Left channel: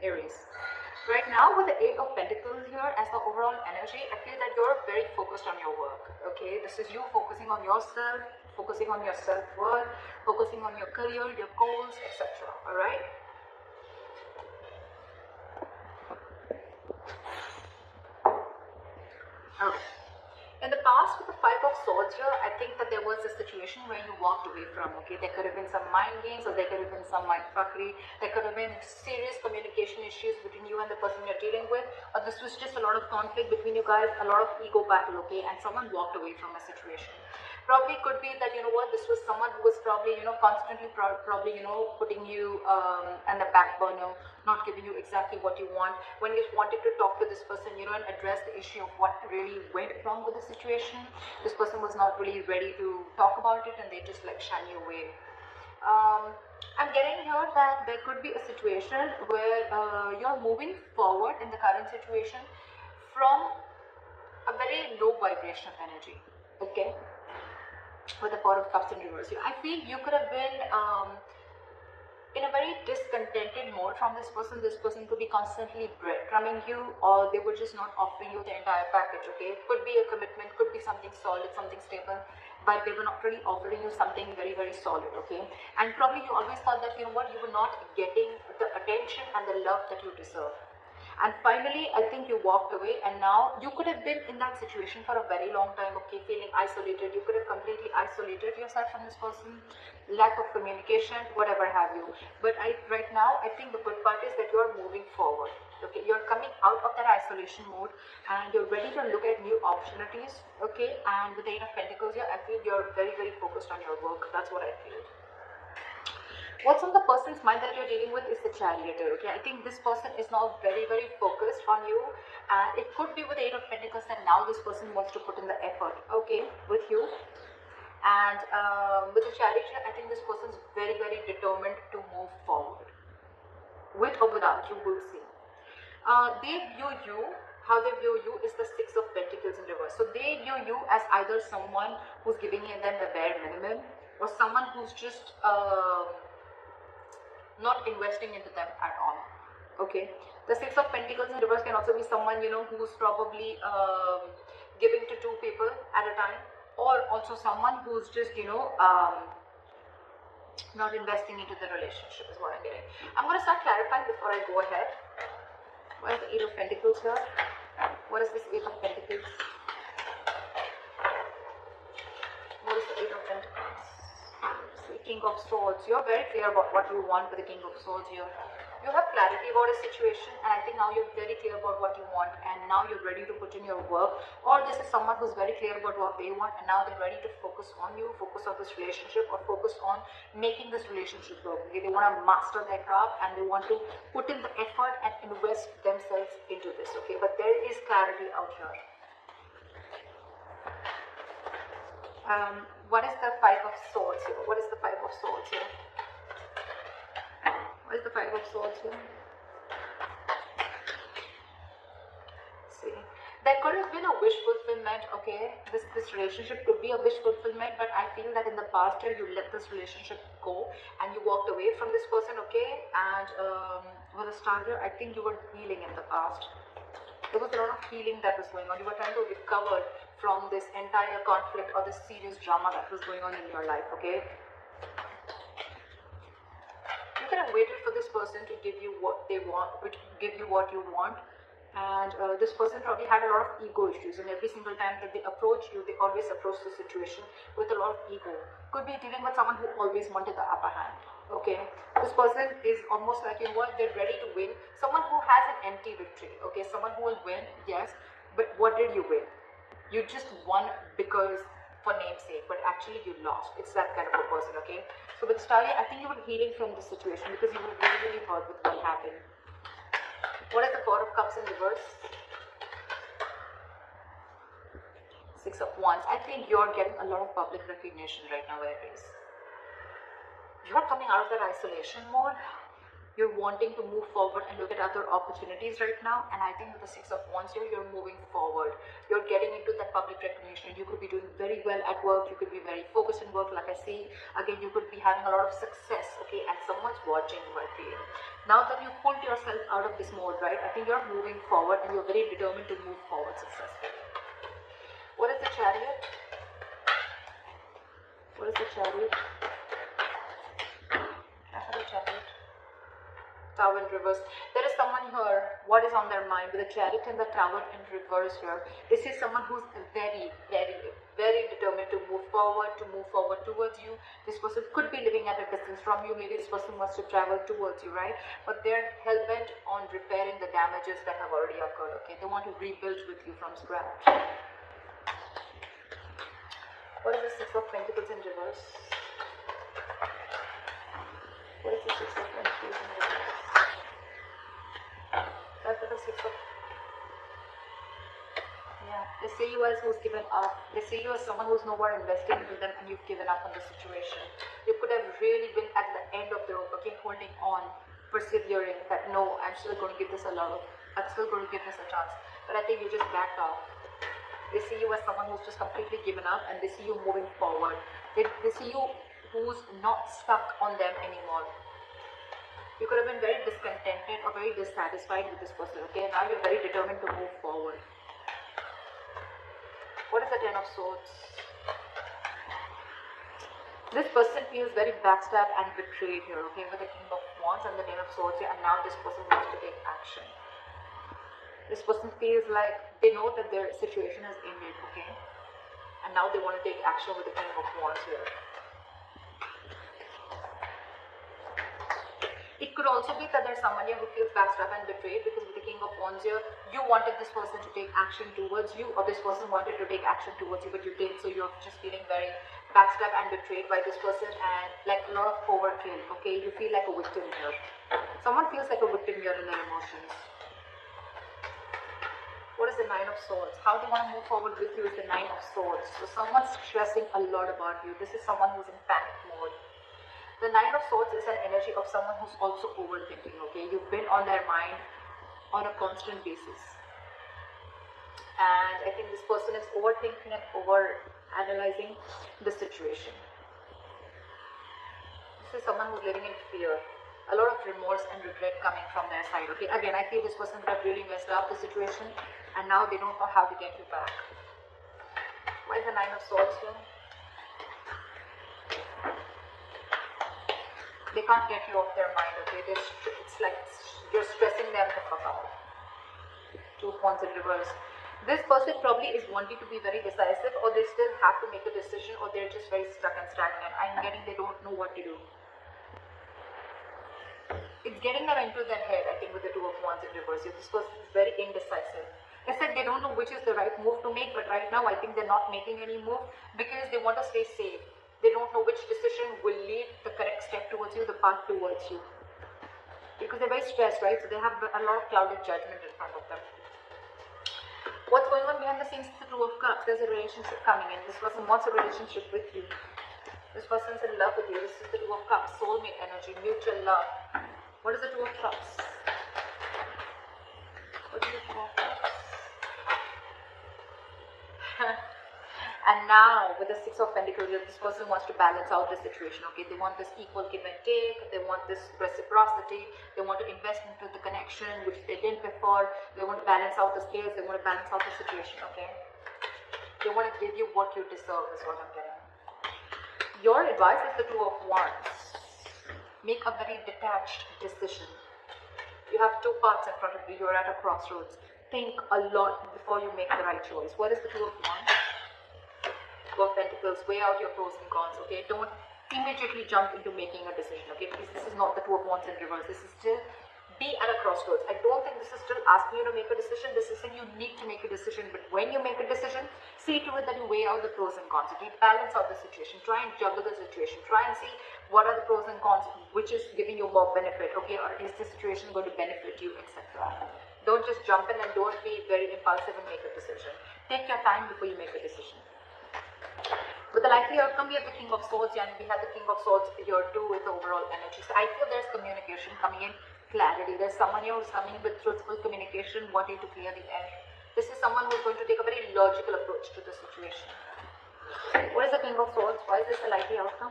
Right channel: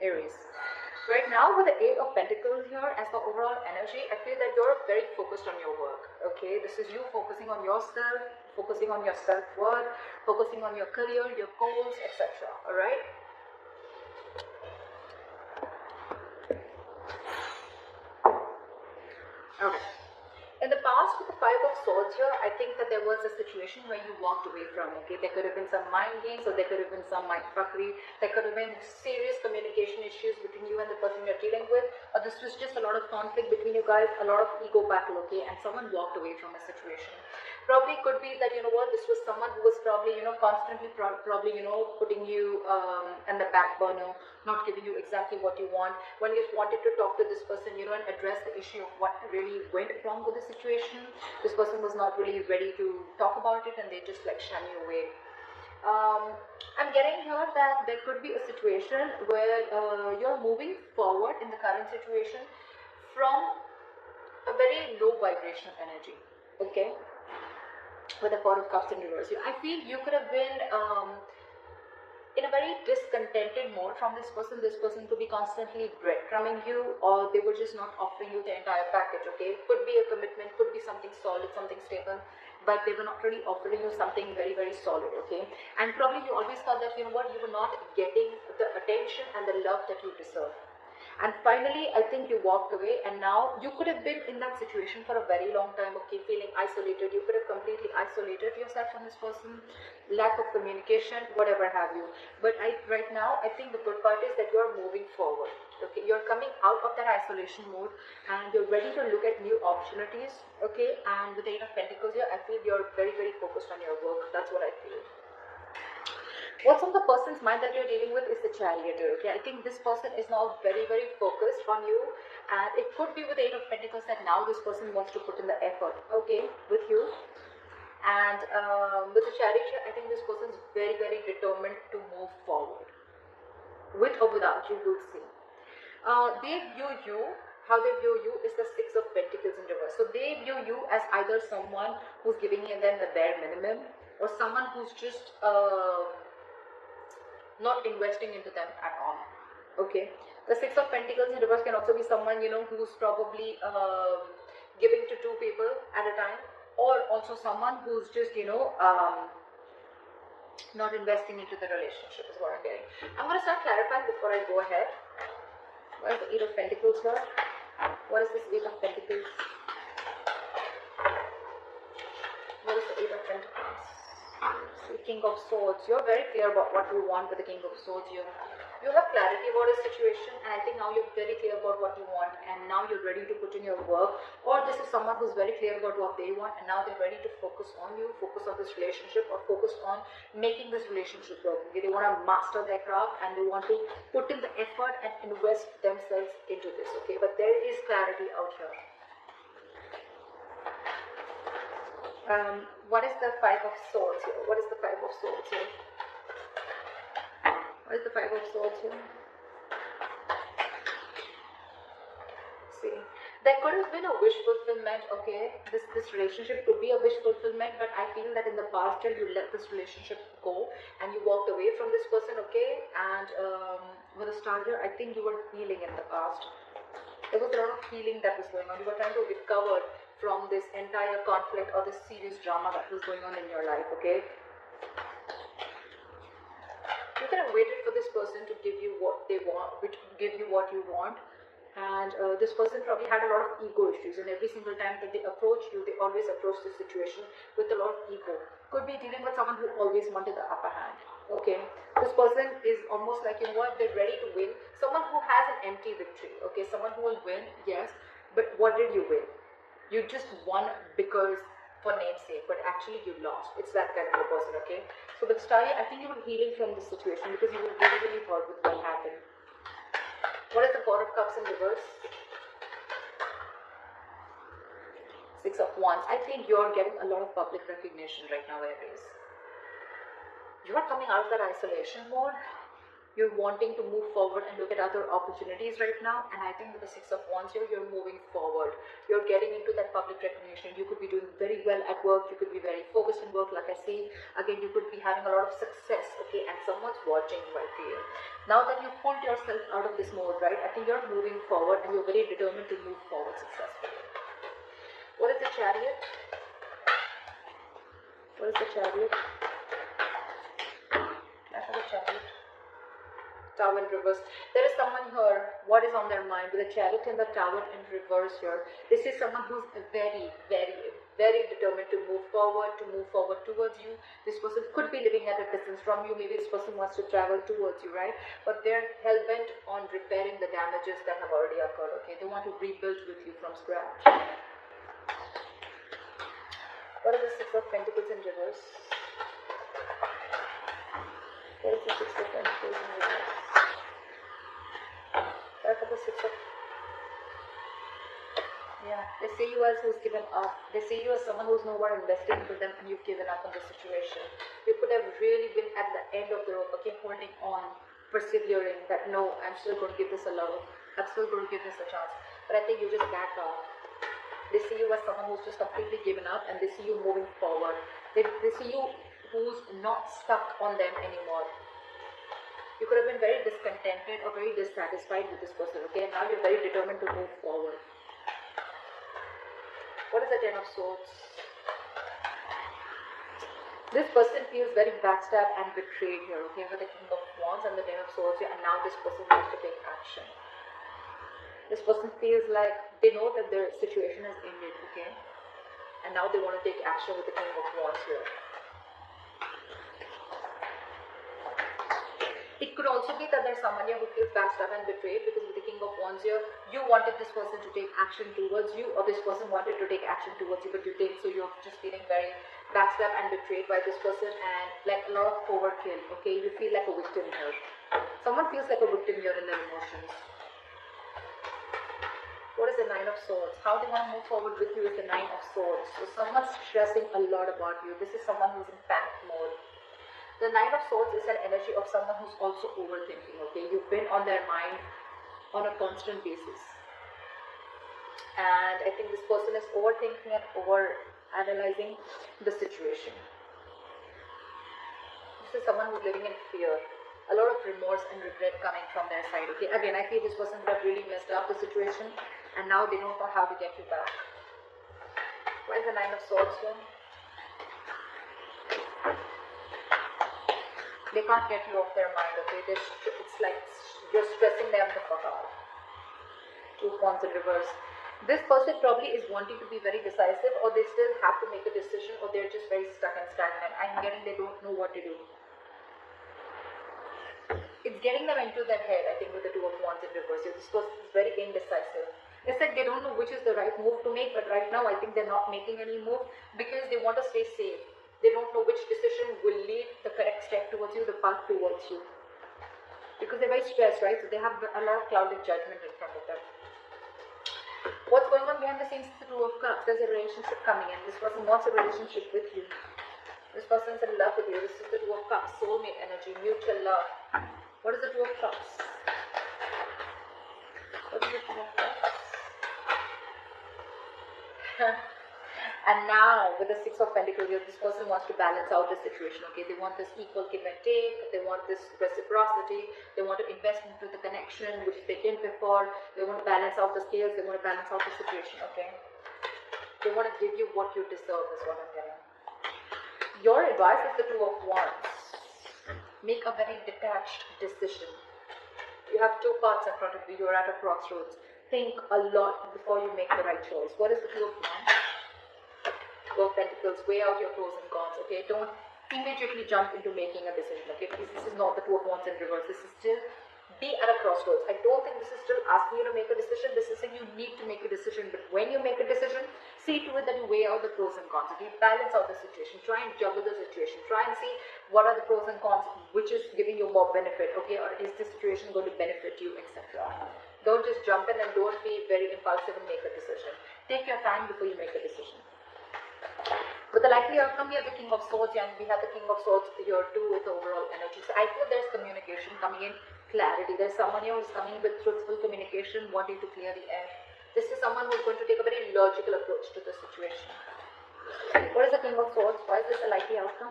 Aries. Right now, for the Eight of Pentacles here, as the overall energy, I feel that you're very focused on your work. Okay, this is you focusing on yourself, focusing on your self-worth, focusing on your career, your goals, etc. All right. Okay. In the past, with the Five of Swords here, I think that there was a situation where you walked away from, okay? There could have been some mind games, or there could have been some mind fuckery. There could have been serious communication issues between you and the person you're dealing with, or this was just a lot of conflict between you guys, a lot of ego battle, okay? And someone walked away from a situation. Probably could be that, you know what, this was someone who was probably, you know, constantly probably, you know, putting you on the back burner, not giving you exactly what you want. When you wanted to talk to this person, you know, and address the issue of what really went wrong with the situation, this person was not really ready to talk about it, and they just like shy you away. I'm getting here that there could be a situation where you're moving forward in the current situation from a very low vibration energy, okay? With the Four of Cups in reverse, I feel you could have been in a very discontented mode from this person. This person could be constantly breadcrumbing you, or they were just not offering you the entire package, okay? Could be a commitment, could be something solid, something stable, but they were not really offering you something very, very solid, okay? And probably you always thought that, you know what, you were not getting the attention and the love that you deserve. And finally, I think you walked away, and now you could have been in that situation for a very long time, okay, feeling isolated. You could have completely isolated yourself from this person, lack of communication, whatever have you. But right now, I think the good part is that you're moving forward, okay? You're coming out of that isolation mode, and you're ready to look at new opportunities, okay? And with the Eight of Pentacles here, I feel you're very, very focused on your work. That's what I feel. What's on the person's mind that you're dealing with is the Chariot, okay? I think this person is now very, very focused on you, and it could be with the Eight of Pentacles that now this person wants to put in the effort, okay, with you. And with the Chariot, I think this person's very, very determined to move forward. With or without you, we'll see. They view you, how they view you is the Six of Pentacles in reverse. So they view you as either someone who's giving them the bare minimum, or someone who's just not investing into them at all, okay? The Six of Pentacles in reverse can also be someone, you know, who's probably giving to two people at a time, or also someone who's just, you know, not investing into the relationship is what I'm getting. I'm going to start clarifying before I go ahead. What is the Eight of Pentacles here? What is this Eight of Pentacles? What is the Eight of Pentacles? King of Swords. You're very clear about what you want with the King of Swords here. You have clarity about a situation, and I think now you're very clear about what you want, and now you're ready to put in your work. Or this is someone who's very clear about what they want, and now they're ready to focus on you, focus on this relationship, or focus on making this relationship work. Okay? They want to master their craft, and they want to put in the effort and invest themselves into this. Okay, but there is clarity out here. What is the Five of Swords here? What is the Five of Swords here? What is the Five of Swords here? See, there could have been a wish fulfillment, okay? This relationship could be a wish fulfillment, but I feel that in the past year you let this relationship go and you walked away from this person, okay? And with a Star here, I think you were healing in the past. There was a lot of healing that was going on. You were trying to recover from this entire conflict or this serious drama that was going on in your life, okay? You could have waited for this person to give you what they want, which give you what you want, and this person probably had a lot of ego issues, and every single time that they approach you, they always approach the situation with a lot of ego. Could be dealing with someone who always wanted the upper hand, okay? This person is almost like, you know what, they're ready to win. Someone who has an empty victory, okay? Someone who will win, yes, but what did you win? You just won because for namesake, but actually you lost. It's that kind of a person, okay? So with Starry, I think you were healing from this situation because you were really, really hurt with what happened. What is the Four of Cups in reverse? Six of Wands. I think you're getting a lot of public recognition right now, Aries. You're coming out of that isolation mode. You're wanting to move forward and look at other opportunities right now, and I think with the Six of Wands here, you're moving forward. You're getting into that public recognition. You could be doing very well at work. You could be very focused in work, like I see. Again, you could be having a lot of success, okay, and someone's watching you, I feel. Now that you pulled yourself out of this mode, right, I think you're moving forward and you're very determined to move forward successfully. What is the Chariot? What is the Chariot? After the Chariot. Tower in reverse. There is someone here, what is on their mind with the Chariot and the Tower in reverse here. This is someone who's very, very, very determined to move forward towards you. This person could be living at a distance from you. Maybe this person wants to travel towards you, right? But they're hell-bent on repairing the damages that have already occurred, okay? They want to rebuild with you from scratch. What is the Six of Pentacles in reverse? What is the Six of Pentacles in reverse? For the Six of... Yeah, they see you as who's given up. They see you as someone who's nowhere invested into them and you've given up on the situation. You could have really been at the end of the rope, okay, holding on, persevering, that no, I'm still going to give this a love. I'm still going to give this a chance. But I think you just back off. They see you as someone who's just completely given up and they see you moving forward. They see you who's not stuck on them anymore. You could have been very discontented or very dissatisfied with this person, okay? Now you're very determined to move forward. What is the Ten of Swords? This person feels very backstabbed and betrayed here, okay? With the King of Wands and the Ten of Swords here, and now this person wants to take action. This person feels like they know that their situation has ended, okay? And now they want to take action with the King of Wands here. It could also be that there's someone here who feels backstabbed and betrayed because with the King of Wands here, you wanted this person to take action towards you or this person wanted to take action towards you but you didn't, so you're just feeling very backstabbed and betrayed by this person and like a lot of overkill, okay? You feel like a victim here. Someone feels like a victim here in their emotions. What is the Nine of Swords? How they want to move forward with you is the Nine of Swords. So someone's stressing a lot about you. This is someone who's in panic mode. The Nine of Swords is an energy of someone who's also overthinking, okay? You've been on their mind on a constant basis. And I think this person is overthinking and over-analyzing the situation. This is someone who's living in fear. A lot of remorse and regret coming from their side, okay? Again, I think this person could have really messed up the situation and now they don't know how to get you back. What is the Nine of Swords here? They can't get you off their mind, okay? It's like you're stressing them the fuck out. Two of Wands in reverse. This person probably is wanting to be very decisive or they still have to make a decision or they're just very stuck and stagnant. I'm getting they don't know what to do. It's getting them into their head, I think, with the Two of Wands in reverse. This person is very indecisive. It's like they don't know which is the right move to make, but right now I think they're not making any move because they want to stay safe. They don't know which decision will lead the correct step towards you, the path towards you. Because they're very stressed, right? So they have a lot of clouded judgment in front of them. What's going on behind the scenes is the Two of Cups. There's a relationship coming in. This person wants a relationship with you. This person's in love with you. This is the Two of Cups. Soulmate energy, mutual love. What is the Two of Cups? What is the Two of Cups? And now, with the Six of Pentacles, this person wants to balance out the situation, okay? They want this equal give and take, they want this reciprocity, they want to invest into the connection, which they did before, they want to balance out the scales, they want to balance out the situation, okay? They want to give you what you deserve, is what I'm getting. Your advice is the Two of Wands. Make a very detached decision. You have two paths in front of you, you're at a crossroads. Think a lot before you make the right choice. What is the Two of Wands? Two of Pentacles, weigh out your pros and cons, okay? Don't immediately jump into making a decision, okay? Because this is not the Two of Wands in reverse. This is still be at a crossroads. I don't think this is still asking you to make a decision. This is saying you need to make a decision. But when you make a decision, see to it that you weigh out the pros and cons, okay? Balance out the situation. Try and juggle the situation. Try and see what are the pros and cons, which is giving you more benefit, okay? Or is this situation going to benefit you, etc. Don't just jump in and don't be very impulsive and make a decision. Take your time before you make a decision. With the likely outcome, we have the King of Swords and we have the King of Swords here too with the overall energy. So I feel there's communication coming in, clarity. There's someone here who's coming in with truthful communication, wanting to clear the air. This is someone who's going to take a very logical approach to the situation. What is the King of Swords? Why is this a likely outcome?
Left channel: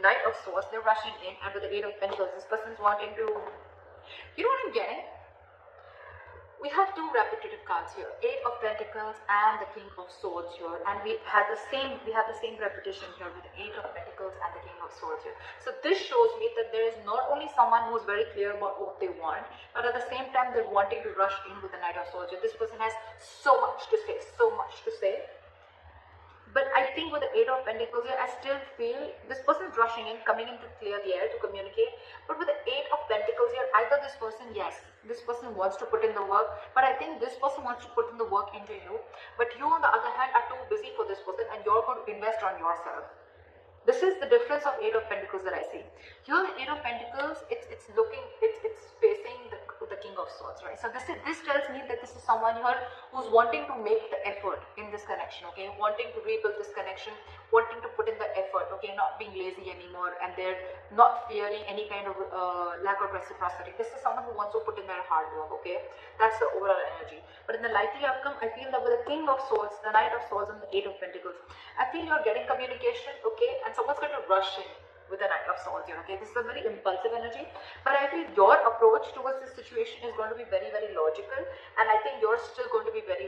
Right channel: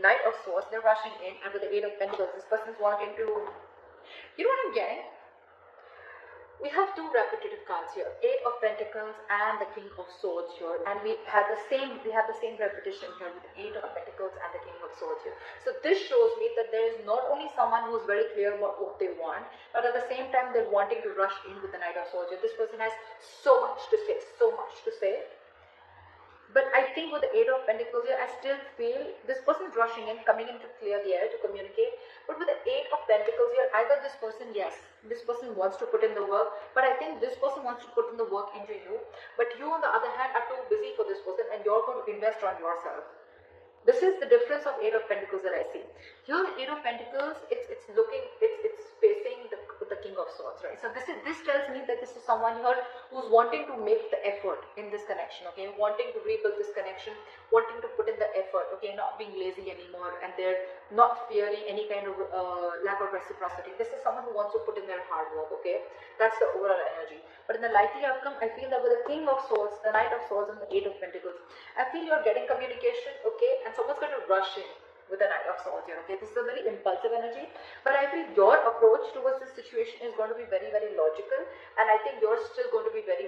Knight of Swords, they're rushing in, and with the Eight of Pentacles, this person's wanting to, you know what I'm getting? We have two repetitive cards here, Eight of Pentacles and the King of Swords here, and we have the same repetition here with the Eight of Pentacles and the King of Swords here. So this shows me that there is not only someone who is very clear about what they want, but at the same time they're wanting to rush in with the Knight of Swords here. This person has so much to say, so much to say. But I think with the Eight of Pentacles here, I still feel this person is rushing in, coming in to clear the air, to communicate. But with the Eight of Pentacles here, either this person, yes, this person wants to put in the work, but I think this person wants to put in the work into you. But you, on the other hand, are too busy for this person, and you're going to invest on yourself. This is the difference of Eight of Pentacles that I see. Here, Eight of Pentacles, it's facing the King of Swords, right? So this tells me that this is someone here who's wanting to make the effort in this connection, okay? Wanting to rebuild this connection, wanting to put in the effort, okay? Not being lazy anymore, and they're not fearing any kind of lack of reciprocity. This is someone who wants to put in their hard work, okay? That's the overall energy. But in the likely outcome, I feel that with the King of Swords, the Knight of Swords, and the Eight of Pentacles, I feel you're getting communication, okay? And someone's going to rush in with the Knight of Swords here, okay? This is a very impulsive energy, but I feel your approach towards this situation is going to be very, very logical, and I think you're still going to be very